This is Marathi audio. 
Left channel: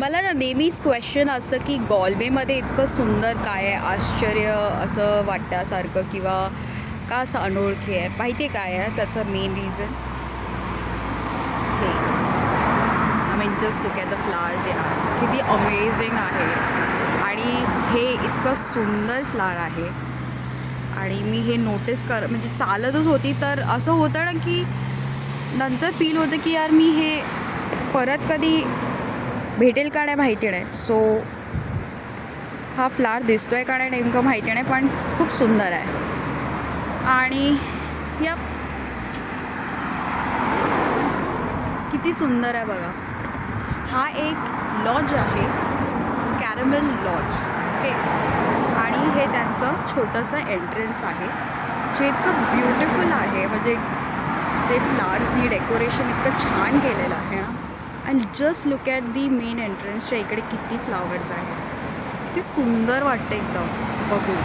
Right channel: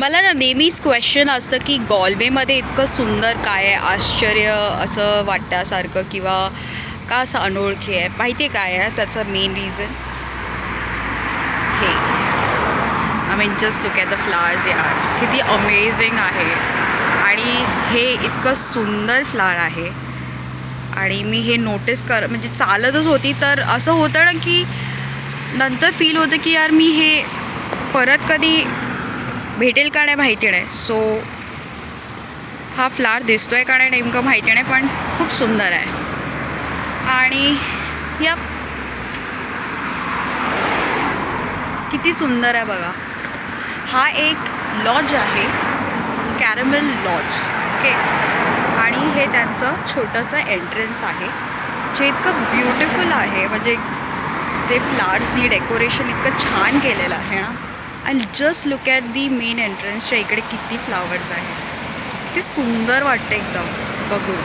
मला ना नेहमीच क्वेश्चन असतं की गॉलवेमध्ये इतकं सुंदर काय आहे, आश्चर्य असं वाटण्यासारखं किंवा का असं अनोळखी आहे. माहिती आहे काय आहे त्याचं मेन रिझन? हे I mean just look at the flowers यार, किती अमेझिंग आहे. आणि हे इतकं सुंदर फ्लावर आहे. आणि मी हे नोटीस म्हणजे चालतच होती तर असं होतं ना की नंतर फील होतं की यार मी हे परत कधी भेटेल का नाही माहिती नाही. सो हा फ्लावर दिसतो आहे का नाही नेमकं माहिती नाही, पण खूप सुंदर आहे. आणि या किती सुंदर आहे बघा. हा एक लॉज आहे, कॅरमेल लॉज. ओके. आणि हे त्यांचं छोटंसं एंट्रन्स आहे जे इतकं ब्युटिफुल आहे. म्हणजे ते फ्लावर्सनी डेकोरेशन इतकं छान केलेलं आहे ना. And just look at the main एंट्रन्सच्या इकडे किती फ्लावर्स आहेत. किती सुंदर वाटतं एकदम बघून.